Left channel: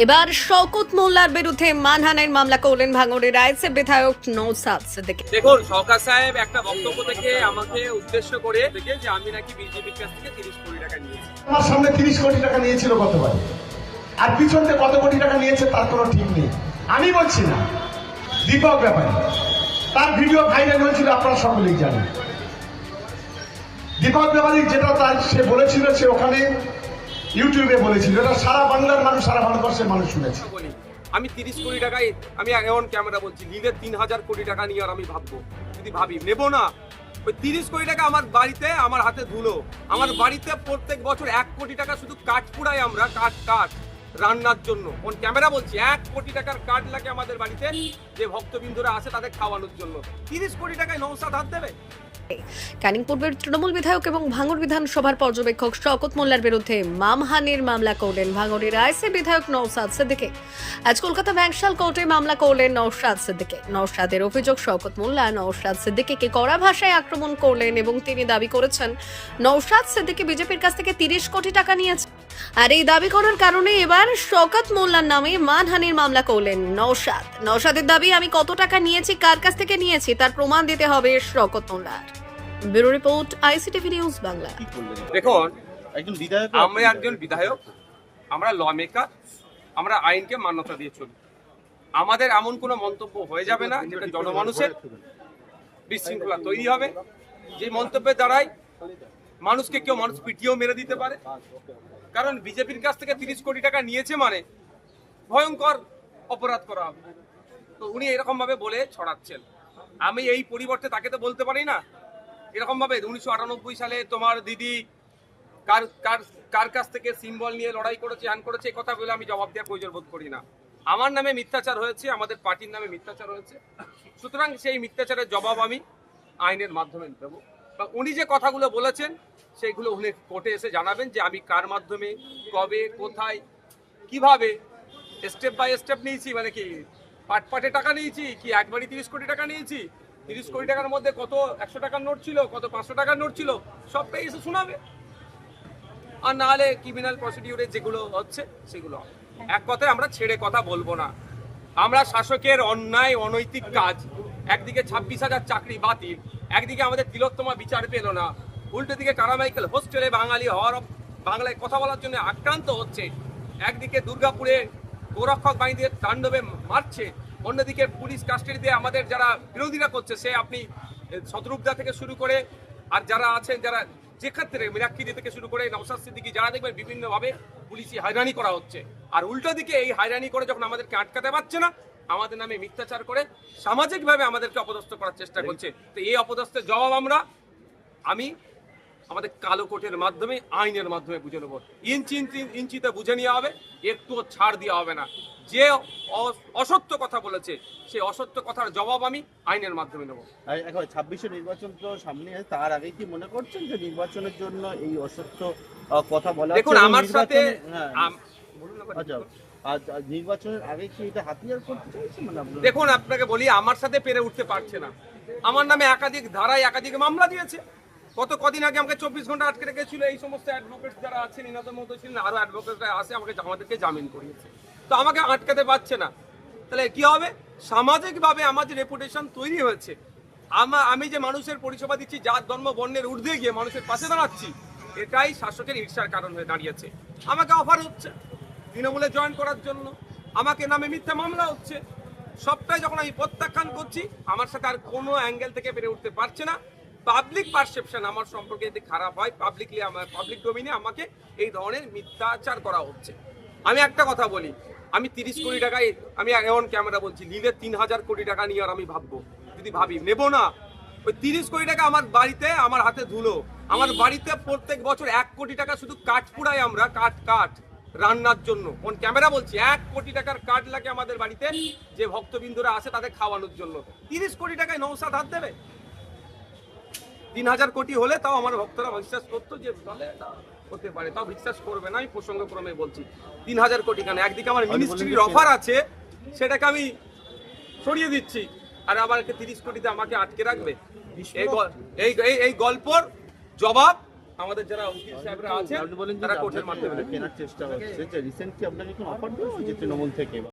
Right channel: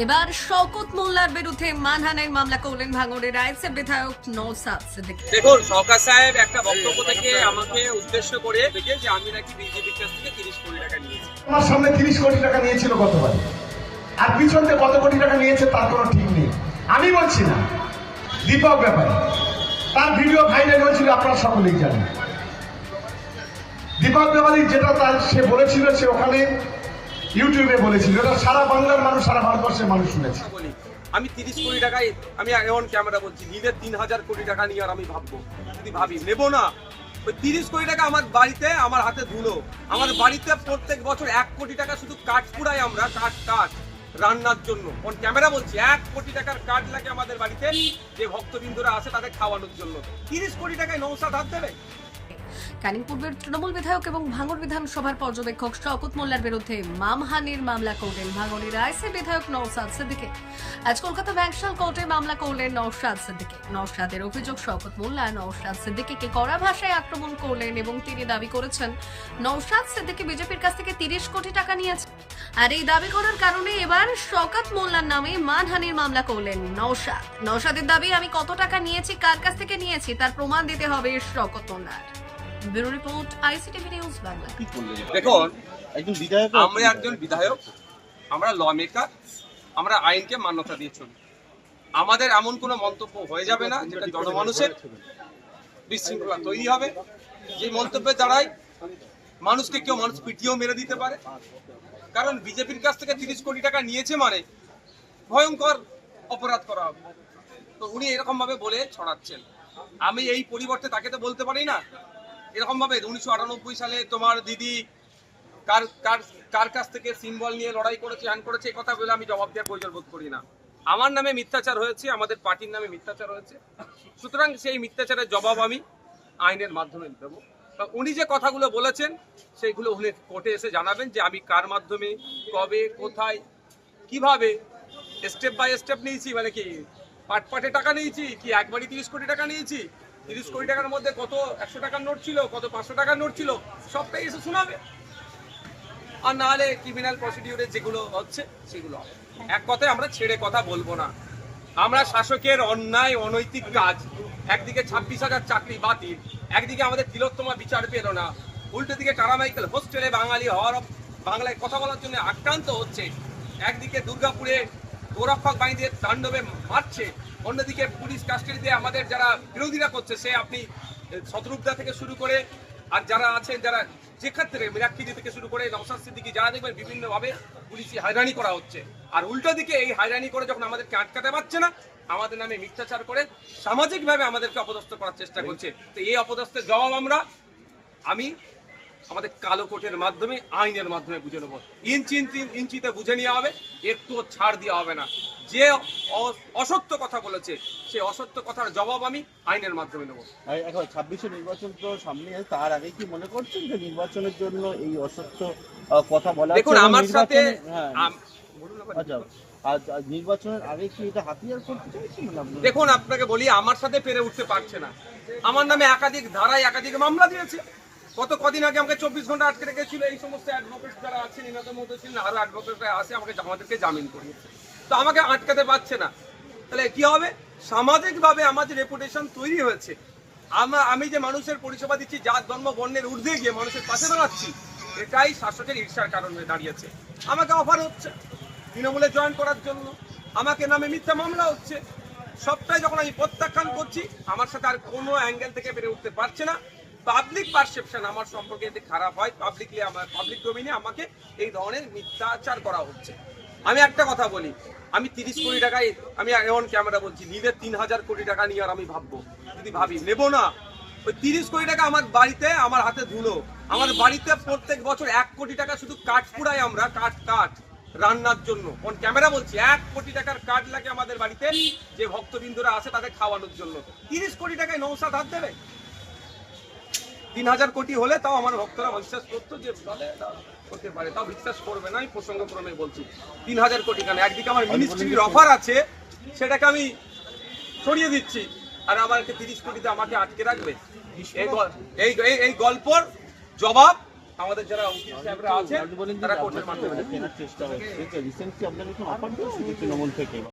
এবার শওকত মোল্লার বিরুদ্ধে মানহানির মামলা করলেন ভাঙড়ের রাইসে বিধায়ক নৌসাদ সিদ্দিকী। দেখুন সরকার সাহেব একটা বক্তব্য থেকে আমাকে উদ্দেশ্য করে দেখে যে আমি নাকি বিজেপির কাছ থেকে তিরিশ কোটি টাকা নিয়েছি। আমার সামনে তিরিশ কোটি টাকা নিয়েছিল গতবার। আর পিছন থেকে কত কোটি টাকা নিয়েছে তার কোনো ঠিক নেই। আমি বলছি না দীপক ব্যাপারে তার ভিডিও ভাইরাল হয়েছিল আপনারা সকলেই জানেন। দীপক ব্যাপারী যেটা তার সে বলেছিল সে ওখানে ইউটিউবে বলেছিল এটা সারা বাংলার মানুষ, সারা ভারতবর্ষের মানুষ শুনেছে। আমি তিরিশ কোটি টাকায়, আমি এমন ক্যামেরা বলছি নিজের তিন হাজার কোটি টাকা নিয়ে আর আমি ভাববো, যদি ভাবি। নেব না। ওই তিরিশ কোটি টাকা আমার বাড়িতে, আমার হাতে ধুলো। আমার বাড়িতে প্রত্যেক বছর এক কোটি টাকা শুধু কাঠ পুড়াই আমরা, কাঠ কাঠ রান্নার জন্য। কোন ক্যামেরা বলছি, এক কোটি টাকার কাঠ লাগে আমাদের বাড়িতে, যে ভক্তবৃন্দরা আসে তাদের খাওয়ানোর জন্য। তিরিশ কোটি টাকায় নৌসাদ হাত দেবে? ক্যানিং পূর্বের তৃণমূল বিধায়ক এবং ভাঙড় বিধানসভার পর্যবেক্ষক শওকত মোল্লার বিরুদ্ধে মামহানির মামলা করলেন ভাঙড়ের আইসি বিধায়ক নৌসাদ সিদ্দিকে। আজ কলকাতা ব্যাংশাল কোর্টে মামলা করলেন নৌসাদ সিদ্দিকে। নৌসাদের অভিযোগ, শওকত মোল্লা নৌসাদ সিদ্দিকিকে কড়া ভাষায় আক্রমণ করলেন এবং তিনি দাবি করেছেন নৌসাদ সিদ্দিকে বিজেপির কাছ থেকে তিরিশ কোটি টাকা নিয়েছে। আর এই দাবি করার কারণে এবার শওকত মোল্লার নামে মানহানির মামলা করলেন নৌসাদ নৌসাদের দাবি আমি কত টাকা নিয়েছি কার কাছ থেকে নিয়েছি তার প্রমাণ দিতে হবে শওকত মোল্লার। Bureau report ICTV news Bangla. দেখুন একজন বিধায়ক আমরা একজন বিধায়ক আমরা ল মেকার আমরা আইনকে মান্যতা দিয়ে চলি। আমাদের এমন কোনো মন্তব্য হয়ে যাবে না যেটা জনমানুষের বিশৃঙ্খলা তৈরি হবে। যে মন্তব্যের দ্বারাই মানুষকে কেউ মানুষ পিটিয়েও মেরে দিতে পারে। কারণ বিজেপির কাছ থেকে তিরিশ কোটি টাকা নিয়েছে মানে ভয়ঙ্কর অপরাধ করা হবে। তো উনি এরকম ভাবে বলে ছড়াচ্ছেন। আমি এই পরিবর্তে তাকে তো বলতে পারি না। এরকম ভাবে উনিশশো আটানব্বই সালে তোমার দিদি কার কার কার কাছ থেকে সিম্বল নিয়ে লড়াই করেছে হ্যান করেছে, এই কথা বলে আমি জবাব দেওয়ার প্রয়োজন বোধ করি না। আমার নামে মিথ্যাচার হয়েছে, আমাদের পার্টির নামে মিথ্যাচার হয়েছে। সুতরাং সেই মিথ্যাচারের জবাব আমি আইনের মাধ্যমে দেবো। তা উনি যে কথাগুলো বলেছেন, সেইগুলো উনি কোর্টে এসে জানাবেন যে আমি কার মাধ্যমে, কবে, কোথায়, কীভাবে স্টেপ বাই স্টেপ নিয়েছি মানে কি পাট পাটে টাকা নিয়েছি, কি একবারই তিরিশ কোটি টাকা নিয়েছি, তিরিশ কোটি টাকার মধ্যে কত একশো টাকার নোট ছিল, কত পাঁচশো টাকার নোট ছিল, সবটাই এসে শোনাবে। আর না হলে ক্রিমিনাল প্রসিডিউরে যেগুলো হচ্ছে, সেগুলো এক কথায় আমরা ছেড়ে কথা বলব না। আমরা শাসকের অন্যায়, অনৈতিক কাজ, একদিকে ছাব্বিশ হাজার চাকরি বাতিল একদিকে আমাদের তিলোত্তমা বিচার পেল না, উল্টো দিকে টারামাইকেল হোস্টেলে বাঙালি হওয়ার বাংলায় কথা বলার জন্য আক্রান্ত হচ্ছে। একদিকে দুর্গাপুরে গোরক্ষক বাহিনীদের তাণ্ডবে মারছে, অন্যদিকে পুলিশ কাস্টাডি দিয়ে আমাদের যারা বিরোধীরা করছে, সে আপনি শত্রুপদা থেকে শুরু করে আর যারা আছেন, যারা যে ক্ষেত্রে মিরাক্ষিরি থেকে শুরু করে নওসাদ সিদ্দিকি, যারা দেখবেন বিভিন্নভাবে পুলিশি হয়রানি করা হচ্ছে। আর উল্টো দিকে এই হয়রানি করে যখন আমাদেরকে আটকাতে পারছে না আমাদের নামে মিথ্যাচার করে সামাজিকভাবে আমাদেরকে অপদস্থ করার চেষ্টা করছে। তো এই অপদস্থের জবাব আমরা আমি আমাদের কালো কোটের মাধ্যমে আইনের মাধ্যমে বুঝে নেব। ইঞ্চি ইঞ্চি ইঞ্চিতে বুঝে নেওয়া হবে একটুও ছাড় দেওয়া হবে না। যে অসত্য কথা বলেছে সেই অসত্য কথার জবাব আমি আইনের মাধ্যমে নেব। এখন ছাব্বিশে নির্বাচন তো সামনে আছে, তার আগে কি মনে করছেন যে নির্বাচনের জন্য এই অসত্য কথা বলা দেখুন আমার সাথে হ্যাঁ, বলুন না, আচ্ছা। মানে দেখুন, আপনাকে বলি, আমার সাথে পেরে উঠতে পারছে না। আমার নামে একাধিক ধারায় একাধিক মামলা দিয়েছে। গত কদিন আগে আমাকে চব্বিশ ঘণ্টা আটকে রেখেছিল। এই সমস্ত অ্যাডভোকেট যারা আছেন ইনাদের মতো ছিলেন অ্যাডভোকেটরা আসে আমাকে আমাদেরকে জামিন করিয়েছে। তো আমাকে আটকাতে পারছে না। তাহলে কি হবে? সামাজিকভাবে আমার যে রেপুটেশন তৈরি হয়েছে, আমা- আমি যে মানুষের পরিষেবা দিচ্ছি, জাত, ধর্ম, বর্ণের ঊর্ধ্বে গিয়ে মানুষের পাশে দাঁড়াচ্ছি, এটাই শাসকের ঈর্ষার কারণ হয়ে দাঁড়িয়েছে। আমাকে অফার হচ্ছে। তৃণমূলে জয়েন করার জন্য। আমাকে নামে মিথ্যা মামলা হচ্ছে। সবটাই যখন আমি প্রত্যাখ্যান করছি, আমার সাথে আর কোনো অ্যাঙ্গেল থেকে বেড়ে উঠতে পারছে না। পাবলিক পারসেপশন আমার সম্পর্কে যদি খারাপ হয় পাবলিকলি আমার পাবলিক ডোমিনে আমাকে এই ধরনের মিথ্যাচার করা হচ্ছে। আমি একটা কথা বলি, আমি তিরিশ কোটি টাকায়, আমি এমন ক্যামেরা বলছি নিজের তিন হাজার কোটি টাকা নিয়ে আর আমি ভাববো। যদি ভাবি, নেব না। ওই তিরিশ কোটি টাকা আমার বাড়িতে, আমার হাতে ধুলো। আমার বাড়িতে প্রত্যেক বছর এক কোটি টাকা শুধু কাঠ পুড়াই আমরা, কাঠ কাঠ। রান্নার জন্য। কোন ক্যামেরা বলছি এক কোটি টাকার কাঠ লাগে আমাদের বাড়িতে যে ভক্তবিন্দুরা আসে তাদের খাওয়ানোর জন্য। তিরিশ কোটি টাকায় নৌসাদ হাত দেবে? তিন হাজার কোটি হলে তাও আমার ভক্তরা বিশ্বাস করতো যে তাহলে এটা হতে পারে। তাও বিশ্বাস করবে না আমি প্রসঙ্গক্রমে বলছি। তিন হাজার কোটি কেন? একদিকে আমার মিনিস্ট্রির অফার আছে সেটাকে আমি সরিয়ে দিচ্ছি। আর আমার একটা তিরিশ কোটিতে আমাকে আটকে রাখবে। এই গল- এই এই- এই গল্পর জবাব আমাদের যারা উকিল সাহেবরা আছে বলেন তারা কোর্টের মাধ্যমে কেনার চেষ্টা হচ্ছে। যে রিসেন্টলি আপনাদের কোনো অফার দিয়েছে তৃণমূল থেকে